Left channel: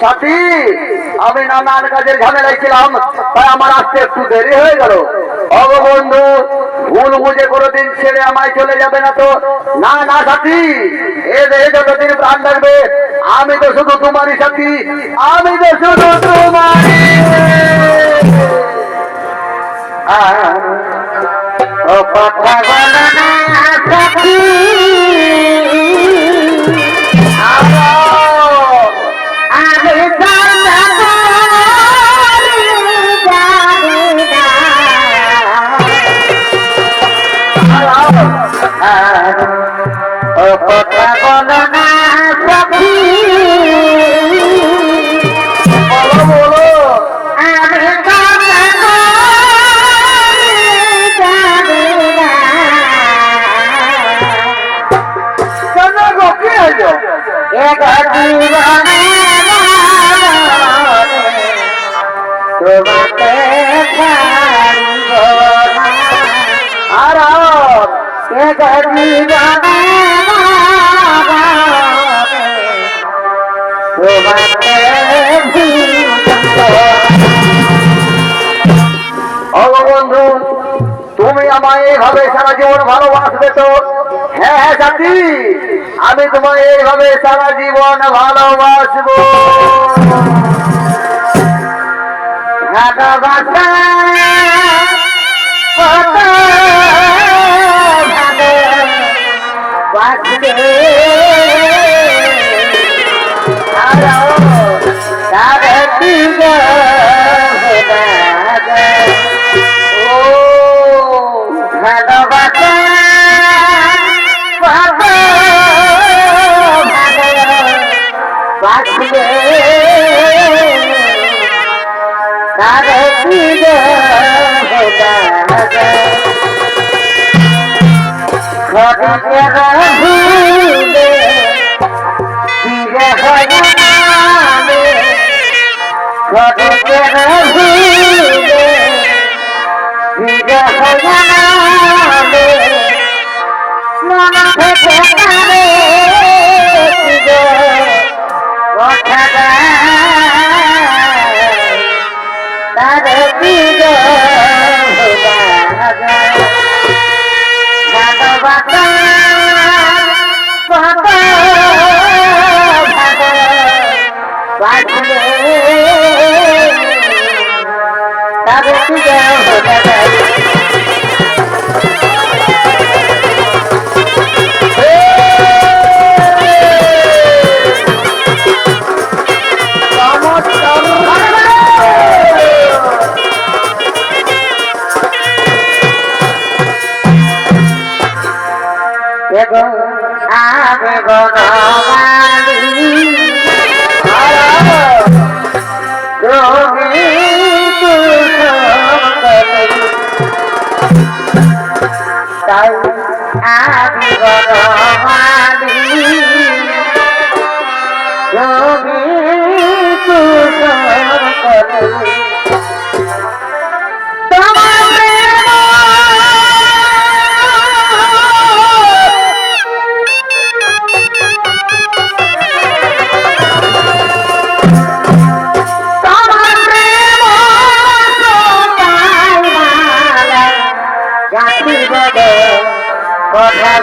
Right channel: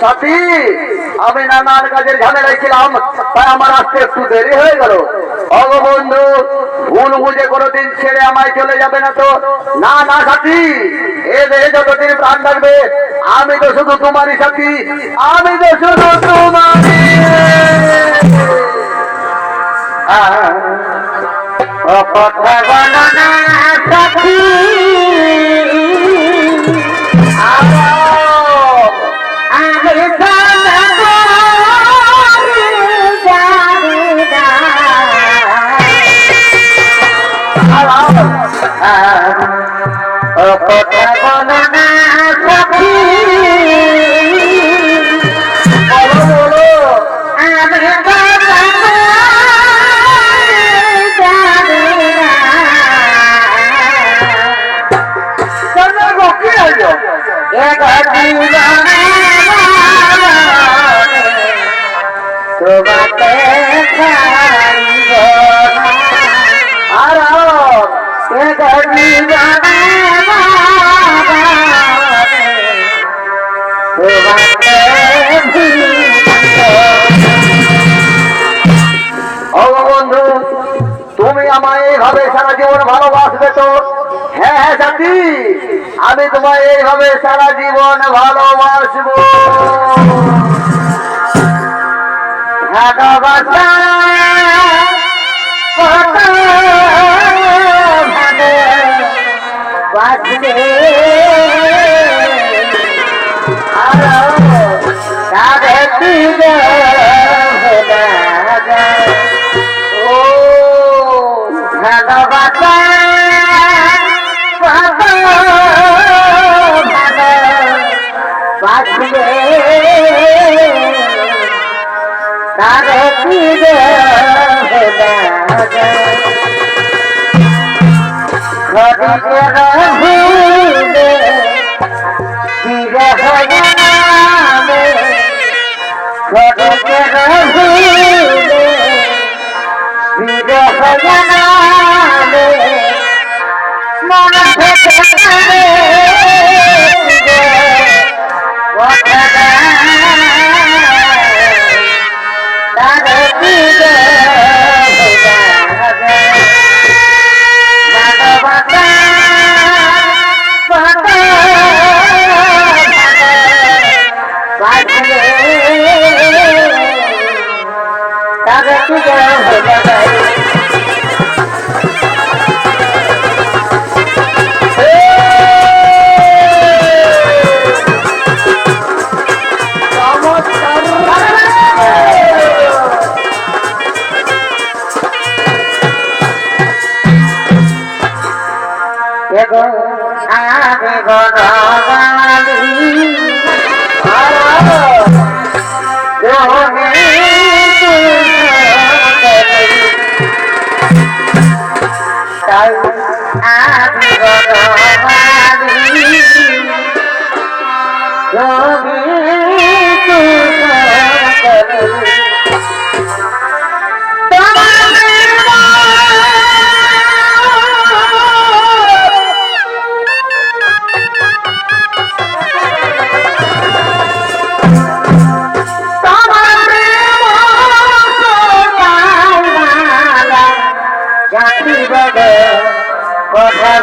সাথী, আমি নানান কাজের ঝামেলায় ছিলাম, তাই আমার আসতে একটু দেরি হয়ে গেল। ওগো বন্ধু, ভুল বুঝে কোনোদিন ছেড়ে আমায় চলে যাবে না তো? না না সাথী, এ দেহে যতদিন প্রাণ থাকবে আমি তো শুধু তোমারই সাথী, আমি তো শুধু তোমারই। ও কথা বলো না সাথী, আমি ও কথা বলো না সাথী, বলো বলো। আমি কেন গো, কি হইলো? তোমাকে ছাড়িব না, আর তোমাকে ওগো বন্ধু, তুমি আমায় এইভাবে সারা জীবন ভালোবাসবে তো? হ্যাঁ হ্যাঁ সাথী, আমি তোমায় এইভাবে সারা জীবন ভালোবাসবো। ভালোবাসা কত ভালোবাসবে, আরো তবে কি ও ভালোবাসা কত ভালোবাসবে, তবে কি ঘটিকে ভুলে বিরহ জানাবে, ঘটিকে ভুলে বিরহ জানাবে, মন থেকে কারে কথা তারে কি ভালোবাসা কত ভালোবাসবে, তারে কি আমি বনমালী তুমি তাই আমি বনমালী তুমি কথা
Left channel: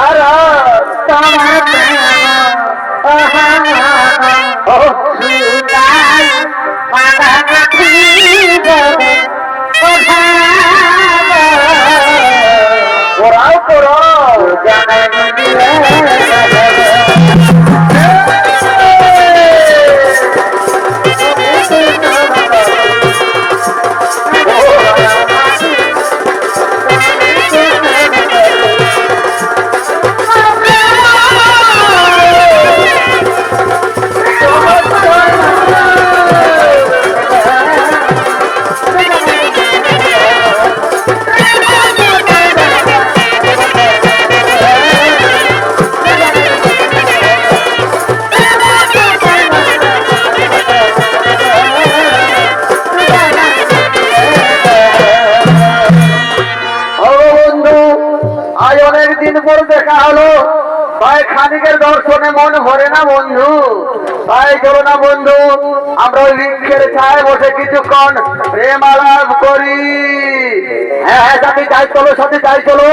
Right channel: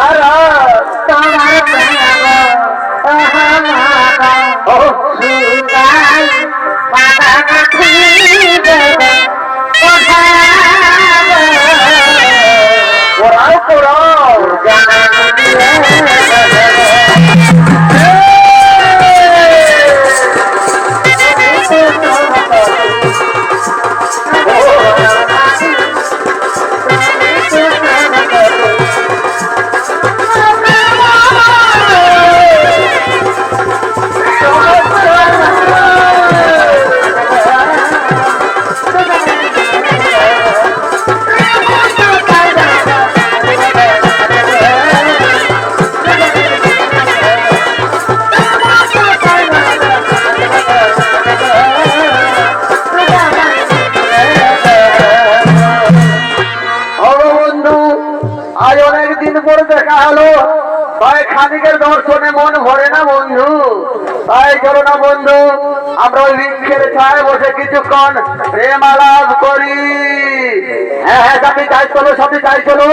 আর তোমার সুতাই মাথামাখি দেবে কোরাও কোরাও জানাই দিয়ে দিন পরে দেখা হলো, তাই খানিকের দর্শনে মন ভরে না বন্ধু। তাই চলো না বন্ধু, আমরা ওই বৃক্ষের ছায় বসে কিছুক্ষণ প্রেম আলাপ করি। হ্যাঁ হ্যাঁ সাথী তাই চলো, সাথী তাই চলো,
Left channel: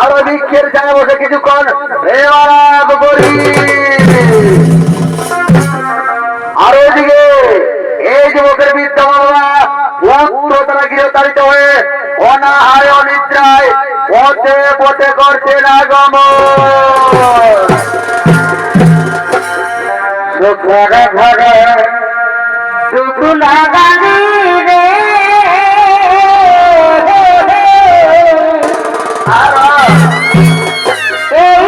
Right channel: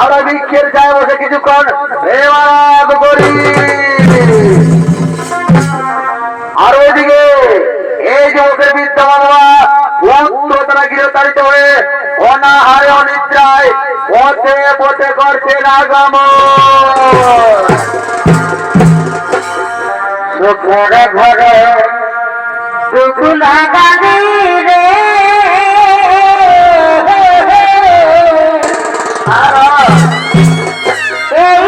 আমরা বৃক্ষের ছায় বসে কিছুক্ষণ প্রেম আলাপ করি। আর ওইদিকে এই যুবকের বিদ্যমান পুত্র তারা গৃহতাড়িত হয়ে অনাহারে অনিদ্রায় পথে পথে করছে না গমন। ঘরে ঘরে দুকুলা গানি রে এই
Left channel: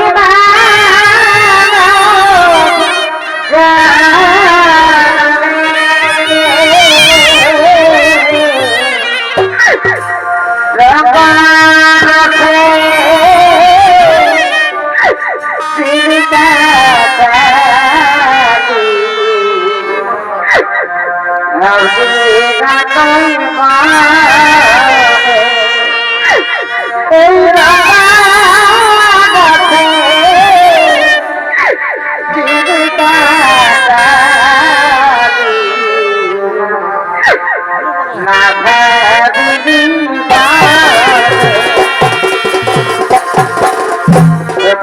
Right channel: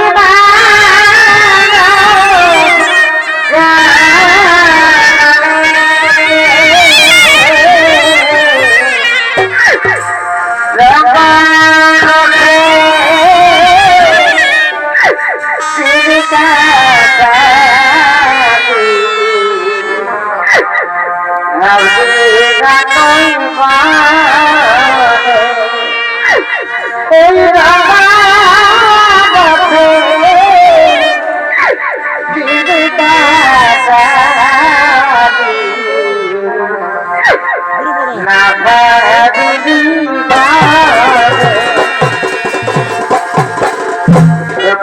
না ভাবিনি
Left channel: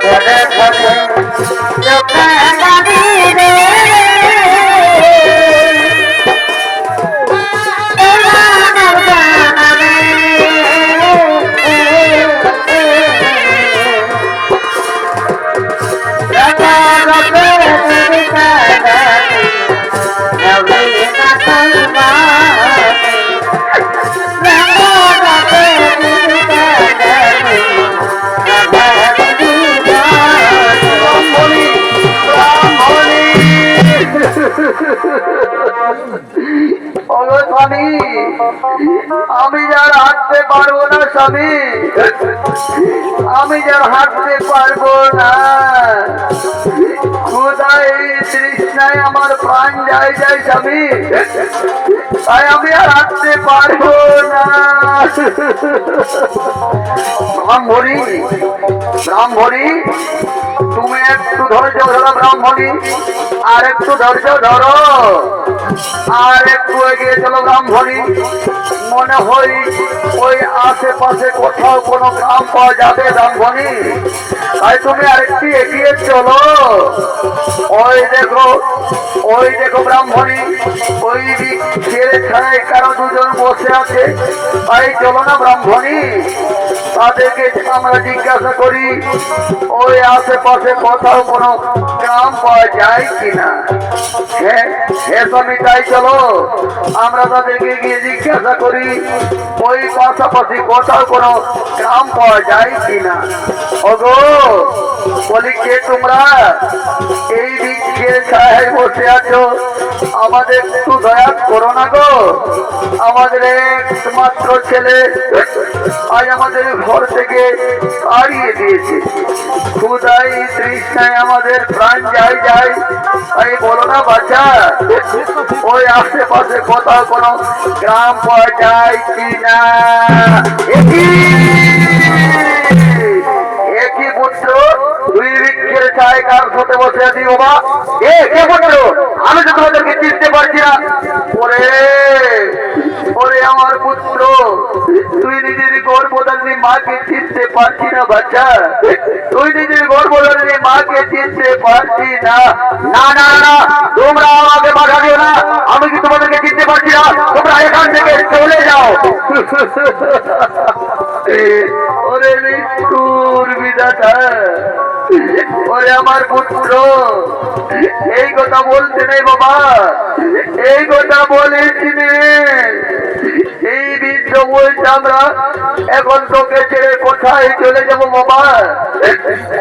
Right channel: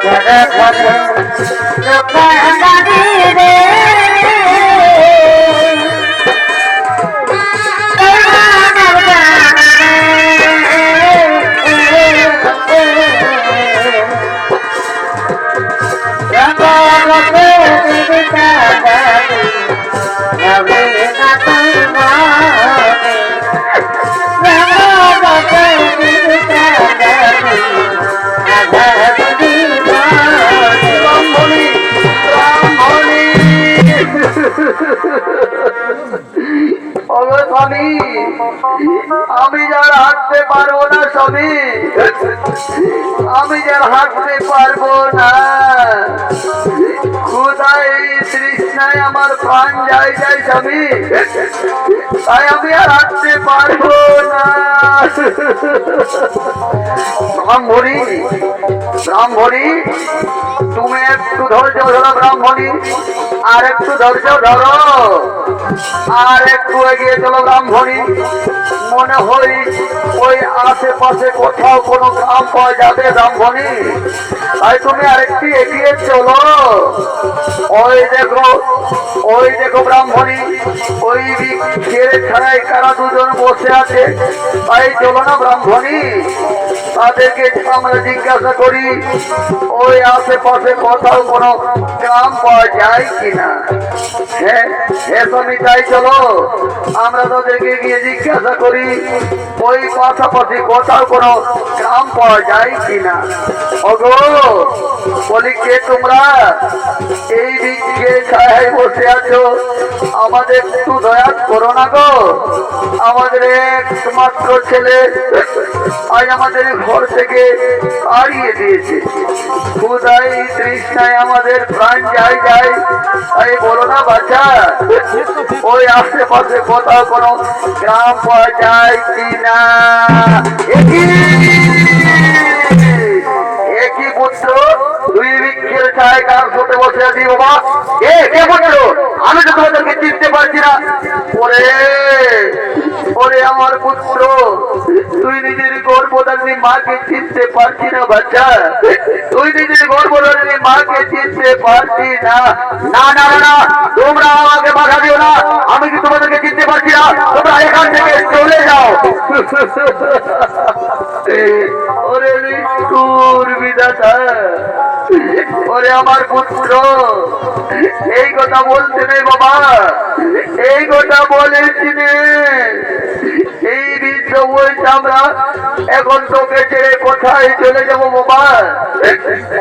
ঘরে ঘরে দোকানি রে ওগো স্বামী, আমি যার হাঁটতে পারবো না স্বামী, আমি যার হাঁটতে পারবো না, ক্ষুধা এই তৃষ্ণায় আমার প্রাণ যায় যায় স্বামী, তাই আমি আর হাঁটতে পারবো না। ব্রাহ্মণী, ব্রাহ্মণী, তুমি একটু ধৈর্য ধরো ব্রাহ্মণী, আর একটু ধৈর্য ধরো, আর একটু এগিয়ে চলো ব্রাহ্মণী। মনে হয় ওই আশেপাশে কোথাও কোনো গ্রাম পাওয়া যাবে ব্রাহ্মণী, তাই তুমি আরেকটু এগিয়ে চলো। ওই দেখো, ওই দেখো ব্রাহ্মণী, ওই ছেড়ে ছাড়াই কারা দুজন বসে আছে, তাই চলো না ব্রাহ্মণী, তাদেরকে আমরা জিজ্ঞাসা করি ওই আশেপাশে কোথাও কোনো গ্রাম পাওয়া যায় কিনা। হ্যাঁ হ্যাঁ স্বামী, তাই চলো আমরা তাদেরকে গিয়ে জিজ্ঞাসা করি ওই পাশাপাশি কোথাও কোনো গ্রাম পাওয়া যায় কিনা। ওগো বলি, কে তোমরা? এই বৃক্ষে ছায়ায় বসে আছো, আমাদের একটু দয়া করো না গো। আমাদের একমাত্র ছেলে আজ আমাদের ঘর থেকে হারিয়ে দিয়েছে, ক্ষুধাই তৃষ্ণায় আমাদের প্রাণ যায় যায়, তাই বলো না বাচ্চা ওই আশেপাশে কোথাও কোনো গ্রাম পাওয়া যায় কিনা। একই পুত্র, দুই বৃক্ষের ছায় কার সাথে বসে আছি বাবা? কে পুত্র? আমি তো তোমাদেরকে চিনতে পারছি না। ওরে ওরে আমার পুত্র, তুই নিজের গর্ভধারিণী মাকে চিনতে পারছি না বাচ্চা, তুই নিজের গর্ভধারিণী মাকে চিনতে পারছি না। না না না, তোমরা আমাকে বাধা দিও না, আমি কি তোমাদেরকে চিনতে পারছি না? তোমরা এখান থেকে চলে যাও। ওরে মৃত্যুর বিধাতা, ওরে আমার পুত্র, এই কথা বলতে নেই বাবা, এই কথা বলেছি নে। এই বৃদ্ধ বলছে আমরা এখন তোকে ছেড়ে কোথায় চলে যাবো বাবা?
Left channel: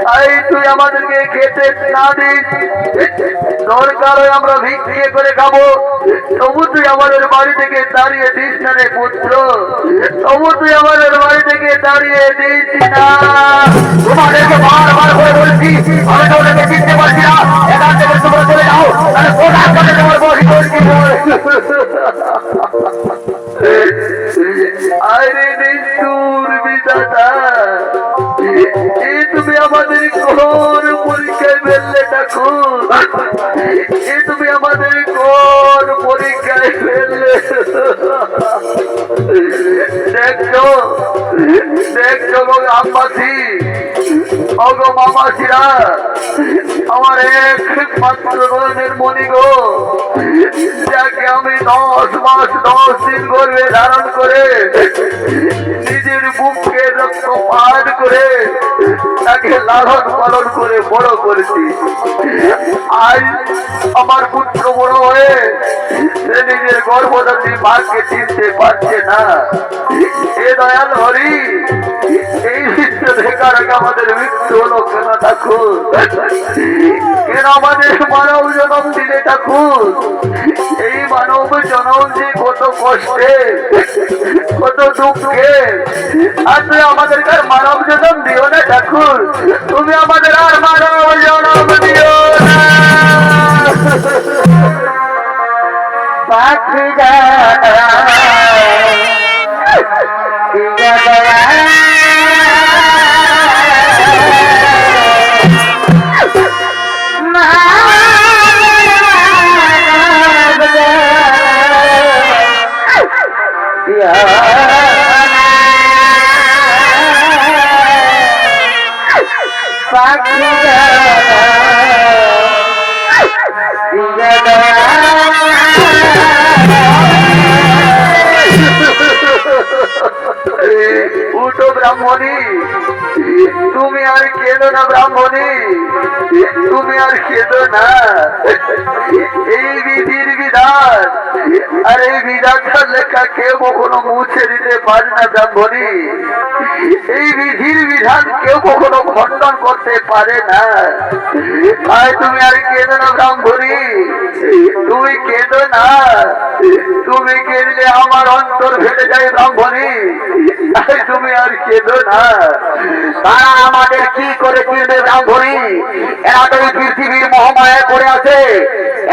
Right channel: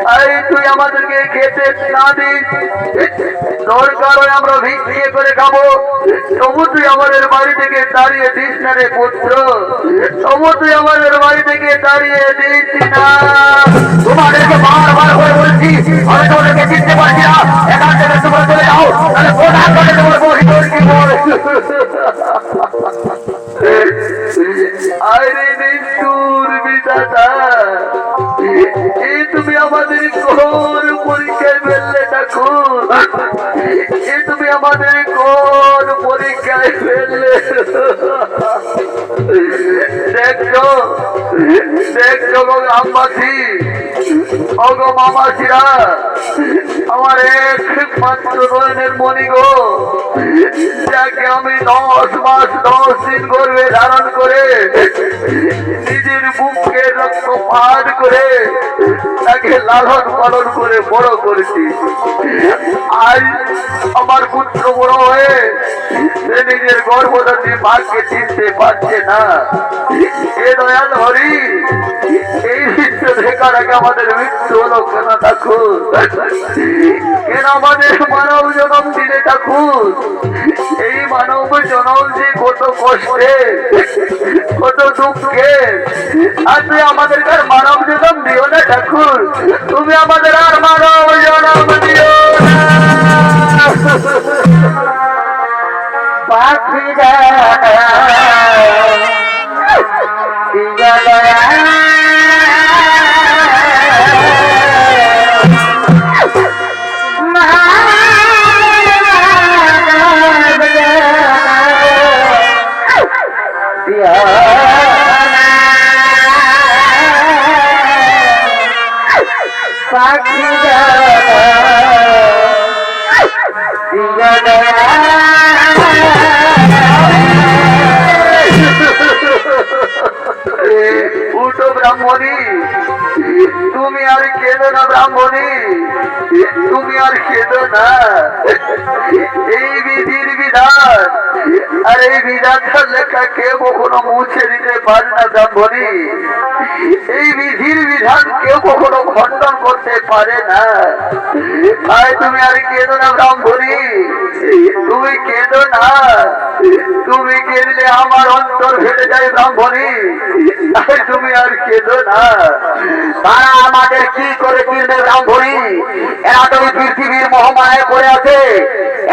তাই তুই আমাদেরকে খেতে না দিস, দরকার হয় আমরা ভিক্ষে করে খাবো, তবু তুই আমাদের বাড়ি থেকে দাঁড়িয়ে দিস না রে পুত্র, তবু তুই আমাদের বাড়ি থেকে দাঁড়িয়ে দিস না। তোমাদেরকে বারবার করে বলছি, আমি তোমাদেরকে চিনতে পারছি না, এখান থেকে তোমরা চলে যাও, তাহলে কোথায় কাছে তোমার বসি করছি বল। আরে নিষ্ঠুর বিধাতা, এই তুমি আমাদের কোন পরীক্ষায় ফেললে ঠাকুর? এই তুমি আমাদের কোন পরীক্ষায় ফেললে? দেখছো দেখছো গো গ্রামবাসী, অগো মামাসিরা, আমার একমাত্র নয়নের মণি গো, যাকে আমি 10 মাস 10 দিন গর্ভে ধারণ করে নিজের বুককে রক্ত পান করে তাকে লালন পালন করে বড় করেছি। আজ আমার পুত্র বড় হয়ে সে নিজের গর্ভধারী মাকে চিনতে পারছে না। এ দয়াল হরি, এই দৃশ্য দেখার আগে আমাদের মৃত্যু হলো কেন ঠাকুর? কেন আমাদের মানব জনম দিলে ঠাকুর? এই মানব জনম যে কত কষ্টে, কত দুঃখে, আর তুই আমাদেরকে আর মানব জনম দিও না ঠাকুর। তুমি আমাদের আর মানব জনম দিও না। পাখিরা দিয়া দয়া পাখিরা দিয়া দয়া উঠো ব্রাহ্মণী, তুমি আর কেঁদো না ব্রাহ্মণী, তুমি আর কেঁদো না। এই বিধির বিধান, আর এই বিধানটার লেখা কেউ কখনো মুছে দিতে পারে না ব্রাহ্মণী। এই বিধির বিধান কেউ কখনো খণ্ডন করতে পারে না। তাই তুমি আর কেঁদো না ব্রাহ্মণী, তুমি কেঁদো না। তুমি কেঁদলে আমার অন্তর ফেটে যায় ব্রাহ্মণী, তাই তুমি আর কেঁদো না। তারা আমাদের কি করে চিনবে ব্রাহ্মণী? এরা তো এই পৃথিবীর মহামায়া করে আছে,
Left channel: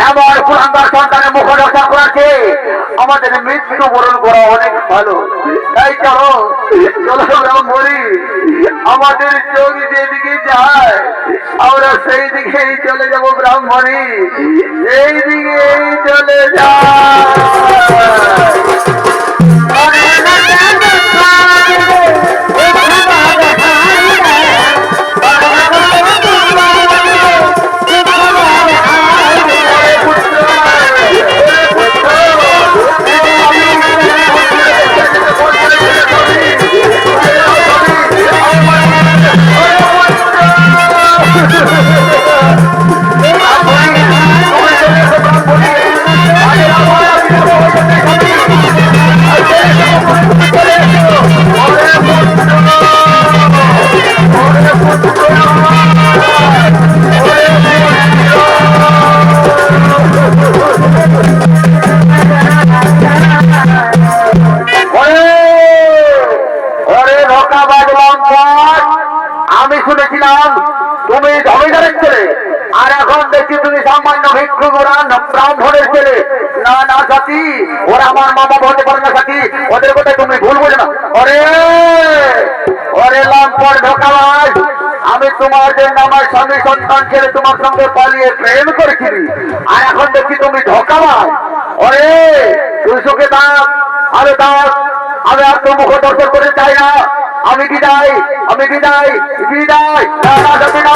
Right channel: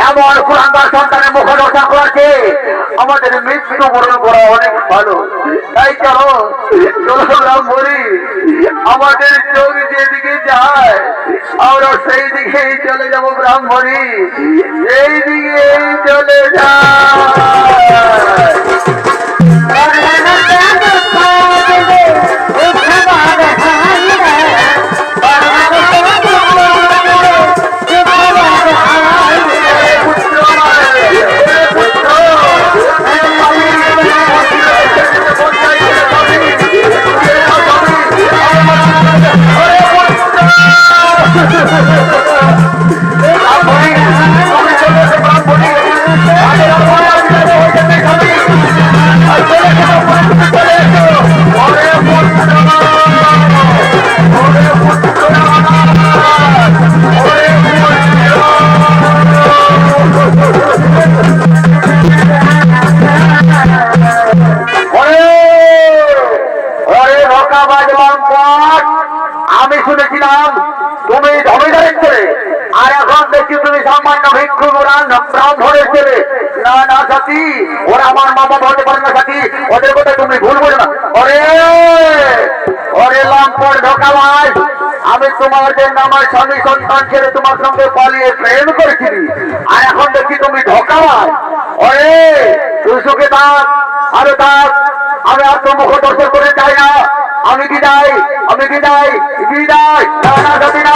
এমন কুলাঙ্গার সন্তানের মুখ দর্শন করাচ্ছে। আমাদের মৃত্যু বরণ করা অনেক ভালো। তাই চলো চলো ব্রাহ্মণী, আমাদের চোখ যেদিকে যায় আমরা সেই দিকেই চলে যাব ব্রাহ্মণী, সেই দিকেই চলে যায়। আমি শুনেছিলাম তুমি জমিদারের ছেলে, আর এখন দেখছি তুমি সামান্য ভিক্ষু ব্রাহ্মণের ছেলে। না না সাথী, ওরা আমার মামা বলতে পারে না সাথী, ওদের কথা তুমি ভুল বোঝো না। ওরে ওরে লম্পট ঢোকাবাজ, আমি তোমার জন্য আমার স্বামী সন্তান ছেড়ে তোমার সঙ্গে পালিয়ে প্রেম করেছিলি, আর এখন দেখছি তুমি ঢোকাবাজ। ওরে তুই সুখে থাক, আরে থাক, আমি আর তো মুখ দর্শন করে চাই না। আমি বিদায়, আমি বিদায়, বিদায়। না না সাথী না।